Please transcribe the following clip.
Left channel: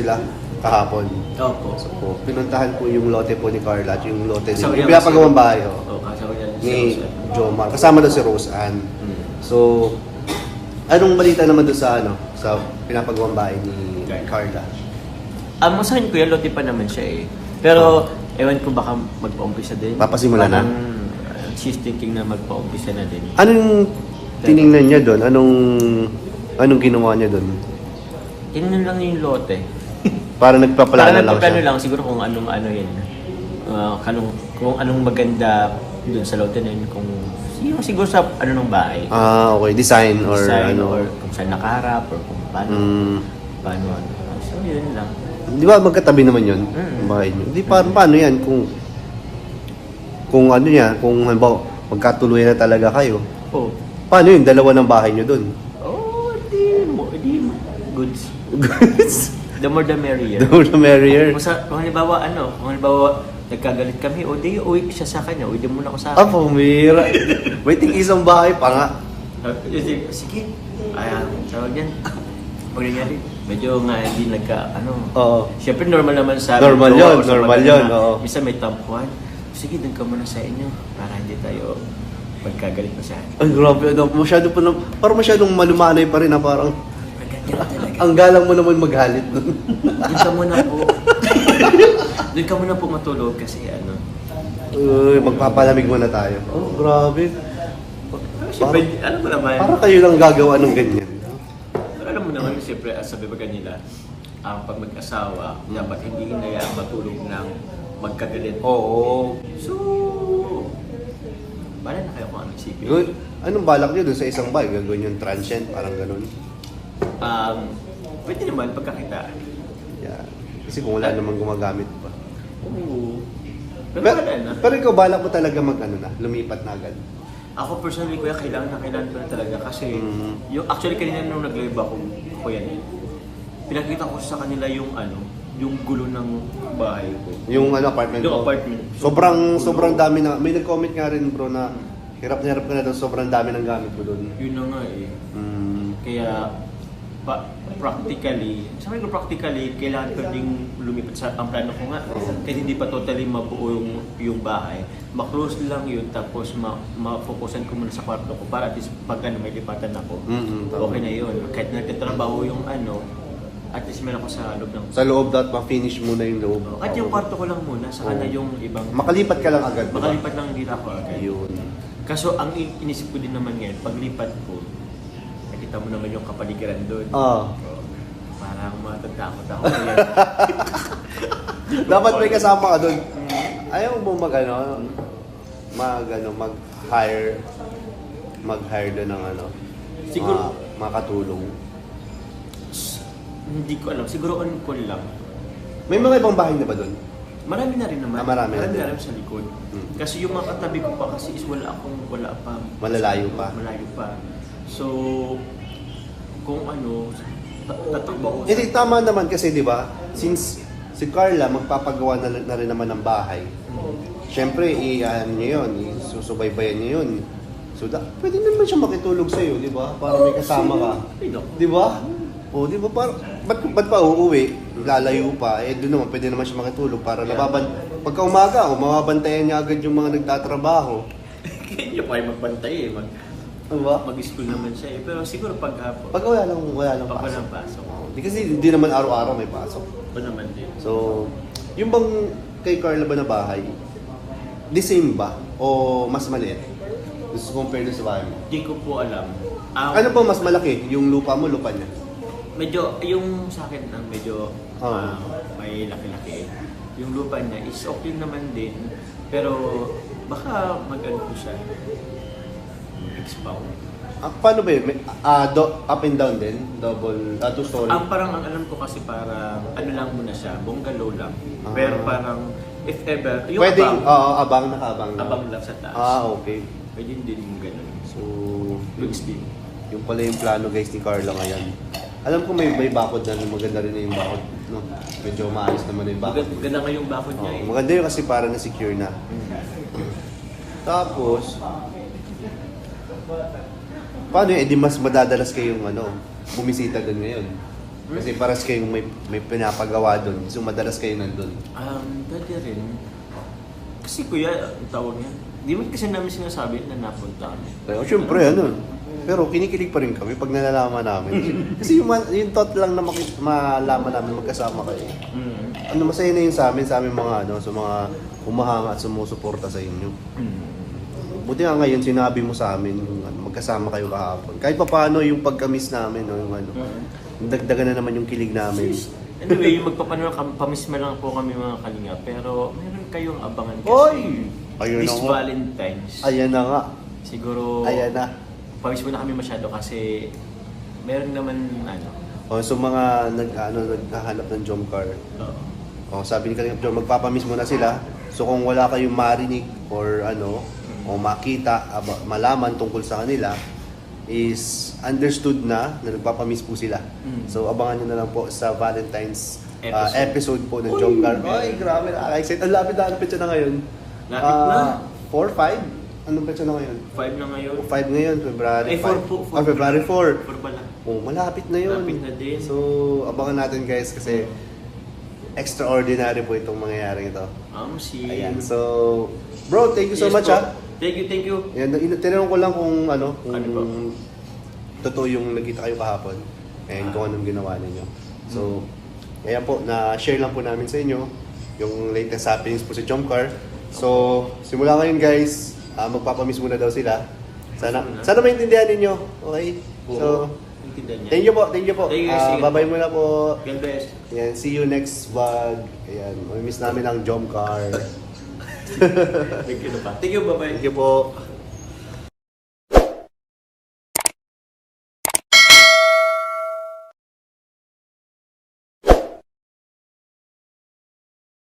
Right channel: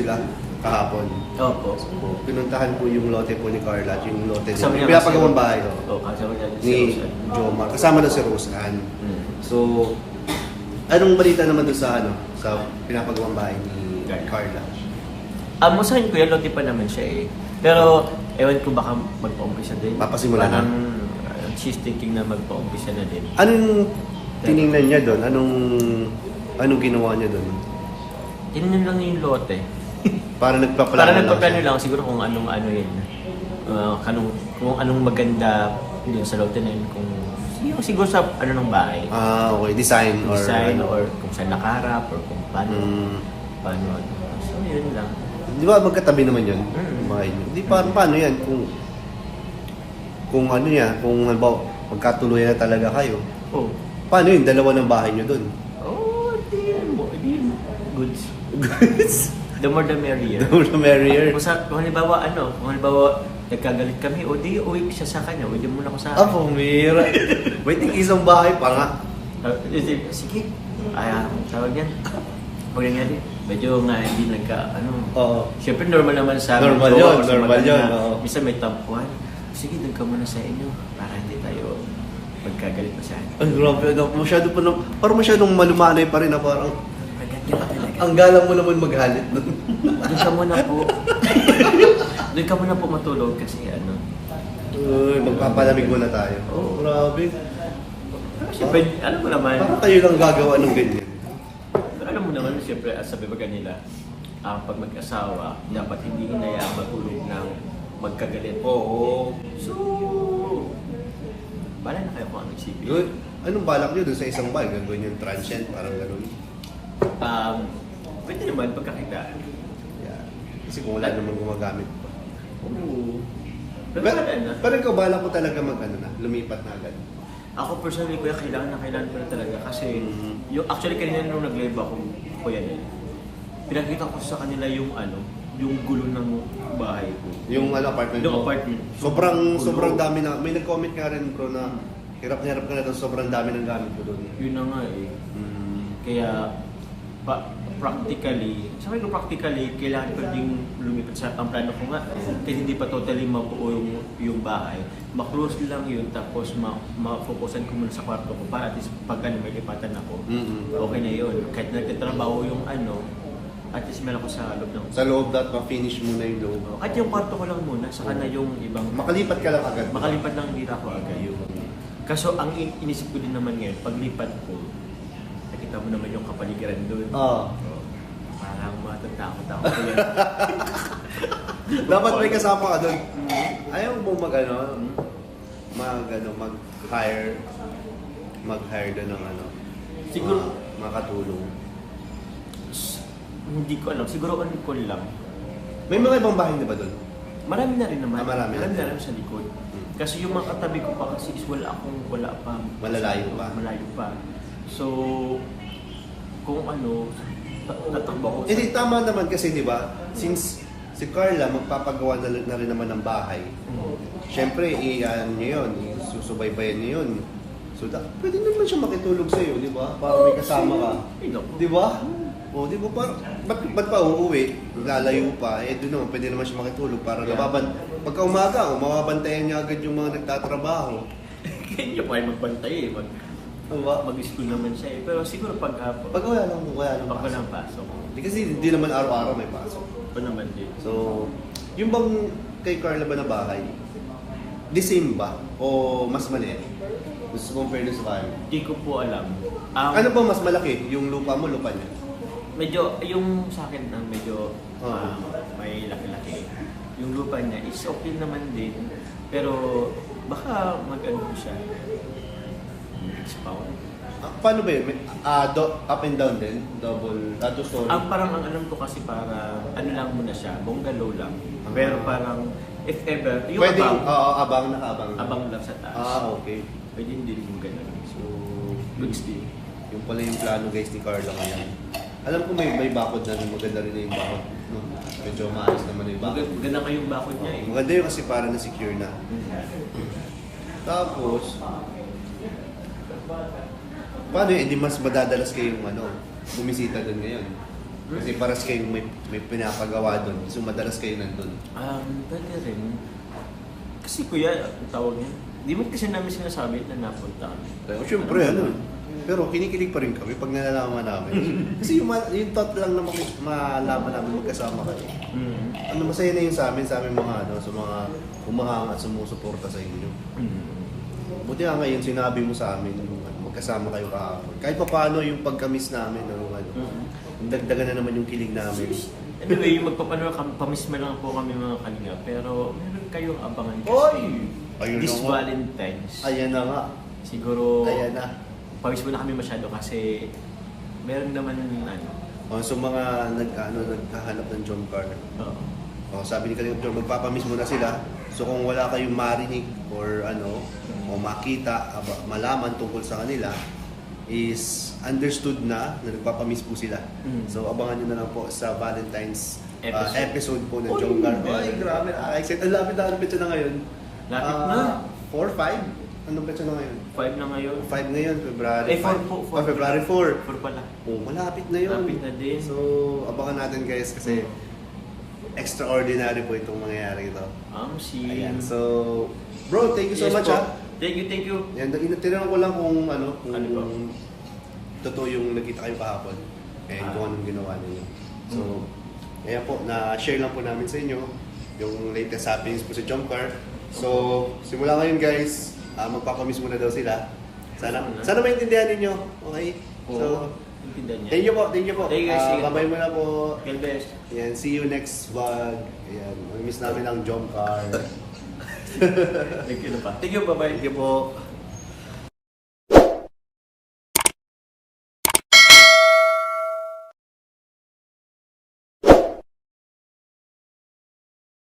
sila kahapon. Opo. So, pinuntahan po yung lote po ni Carla at yung lote Kasama niya yung pinapagawang bahay. Oo, kasama niya si Ni Rosan. Jomar. Kasama daw si Roseanne. So, anong balita naman doon sa sa pinapagawang bahay ni Carla? Masahin ko yan, lote pa naman siya eh. Pero, ewan ko baka magpa-umpisa din. Papasimula na? Parang she's thinking na magpa-umpisa na din. Anong tiningnan niya doon? Anong ginawa niya doon? Tinignan lang niya yung lote. Para nagpaplano Para lang nagpaplano siya. lang siguro kung anong ano yun. Kung anong maganda doon sa lote na yun. Kung siguro sa ano ng bahay. Okay. Design Or kung saan nakaharap or kung paano. Paano. So, yun lang. Di ba magkatabi naman yun? Bahay niyo. Di paano yan? Kung ano yan, kung halimbawa, magkatuloy na talaga kayo. Oh. Paano yun? Dalawa ng bahay niyo doon? Oh, di goods. The more the merrier. The more the merrier. Kung halimbawa, nagkagalit kami, o di, uwi siya sa kanya, uwi din muna ako sa akin. Pumira. Wait, isang bahay pa nga. Sige. Tawag yan. Pag nangyari, medyo nga hindi Oo. Siyempre normal naman sa Normal jowa yun, or sa normal maganda yun, na oo. Minsan may tampuhan. Sige, doon ka muna sa inyo para hindi tayo magkagalit pa sa akin. Ang grabe. Parang masyadong malumanay pa rin na parang Maganda ka talaga. ang galang mo naman maghalit doon. Doon ka muna po. Doon ka muna po matulog kasi Uy, magpapalamig muna tayo. Oh, grabe. Siyempre, alam mo naman. Parang kayo lang gagawa ng ganyan. Pero alam mo naman, siyempre, sabi ba nila, pag mag-asawa, dapat hindi inayaang matulog ng magkagalit. Oo. So, bala na kayo kung anong isipin. Uy, anong balak niyo doon sa isang bahay? Gagawin yung transient, parang ganun. Pwede naman pagkakitaan. Yeah. Kasi kung wala namang gumagamit pa. Oo. Pero wala na. Pero ikaw, balak mo talaga lumipat na agad. Ako personally, kuya, kailangan ko na talaga kasi yung actually kanina nung nag-live ako, kuya Nel, pinakita ko sa kanila yung yung gulo ng bahay ko. Yung apartment Yung mo? apartment. Sobrang dami na. May nag-comment nga rin bro na hirap na ito, sobrang dami ng gamit ko doon. Yun na nga eh. Kaya practically, kailangan ko ding lumipat sa ang plano ko nga. Kasi hindi pa totally mabuo yung bahay. Ma-close lang yun, tapos ma-focusan ko muna sa kwarto ko para at least pag may lipatan ako, okay na yun. Kahit nagtatrabaho yung at least meron ako sa loob ng... Sa loob dapat ma-finish muna yung loob. At yung kwarto ko lang muna, saka na yung ibang... Makalipat ka lang agad. Makalipat lang hindi ako agad. Kaso ang inisip ko din naman ngayon, paglipat ko, nakita mo naman yung kapaligiran doon. Parang matatakot ako ko yan. Dapat may kasama ka doon. Ayaw mo mag-hire doon ng Siguro- makatulong. Hindi ko alam, siguro on call lang. May mga ibang bahay na ba doon? Marami na rin naman. Marami na rin sa likod. Kasi yung mga katabi ko pa kasi is wala pa. Malalayo pa. Malayo pa. So, kung tatakbo ko sa... Hindi, tama naman kasi di ba, since si Carla magpapagawa na rin naman ng bahay, syempre, niya yun, susubaybayan niya yun. So, pwede naman siya makitulog sa'yo, di ba? Para may kasama ka. Di ba? O, di ba? Ba't pa uuwi? Lalayo pa. Doon naman, pwede naman siya makitulog para pagka umaga, mababantayan niya agad yung mga nagtatrabaho. Kaya niya pa ay magbantay eh. Diba? Mag-school naman siya eh. Pero siguro pag hapon. Pag wala lang Pag walang pasok. pasok. Kasi hindi naman araw-araw may pasok. Pa naman din. So, yung bang kay Carla ba na bahay, the same ba? O mas maliit? Gusto compare doon sa bahay mo? Hindi ko po alam. Ano ba mas malaki? Yung lupa mo, lupa niya? Medyo, yung sa akin ang medyo may laki-laki. Yung lupa niya is okay naman din. Pero baka mag-ano po siya. Mag-expound. Paano ba yun? Up and down din? Double, two story? Parang ang alam ko kasi parang ano lang muna siya, bungalow lang. Pero parang if ever, yung Pwede, abang abang lang sa taas. Okay. Pwede din yung ganun. So, Goods din. yung pala yung plano guys ni Carla ngayon. Alam ko may bakod na maganda rin na yung bakod. No? Medyo maayos naman yung bakod. Maganda nga yung bakod niya eh. Maganda yun kasi para na-secure na. Tapos, paano yun? Di mas madadalas kayong bumisita doon ngayon? Kasi paras kayong may pinapagawa doon. So madalas kayo nandun. Pwede rin. Kasi kuya, ang tawag niya, di man kasi namin sinasabi na napunta kami. Siyempre, pero kinikilig pa rin kami pag nalalaman namin. Kasi yung thought lang na malaman namin magkasama kayo. Masaya na yun sa amin mga sa mga humahanga at sumusuporta sa inyo. Buti nga ngayon sinabi mo sa amin magkasama kayo kahapon. Kahit pa paano yung pagka-miss namin, dagdagan na naman yung kilig namin. Anyway, pamisma lang po kami mga kalinga, pero meron kayong abangan kasi Ayun this na nga. Valentine's. Ayan na nga. Siguro, Ayan na. pamisma na kami masyado kasi meron naman So mga naghahanap ng jump car. Sabi ni Kalingap Joe, magpapamiss mo na sila. So kung wala kayong marinig or o makita, malaman tungkol sa kanila, is understood na nagpapamiss po sila. So abangan nyo na lang po sa Valentine's episode po ng Jump Car. Ay, grabe na. Ang lapit na petsa na ngayon. Lapit na. 4, 5? Anong petsa na ngayon? 5 na ngayon. 5 ngayon, February 4 po. February 4. 4 pala. Malapit na yun. Malapit na din. So, abangan natin guys kasi extraordinary po itong mangyayari ito. Ayan. So, bro, thank you so much. Thank you. Yan, tinanong ko lang kung po? totoo yung nagkita kayo kahapon and kung anong ginawa ninyo. So, kaya po, na-share lang po namin sa inyo yung latest happenings po si Jump Car. So, simula ngayon guys, magpapamiss muna daw sila. Sana maintindihan ninyo. Okay? So, Intindihan niya. thank you po. Thank you guys. Bye-bye muna po. God bless. Yan, see you next vlog. Ayan, miss namin ang Jump Car. Thank you na pa. Thank you, bye-bye. Thank you po.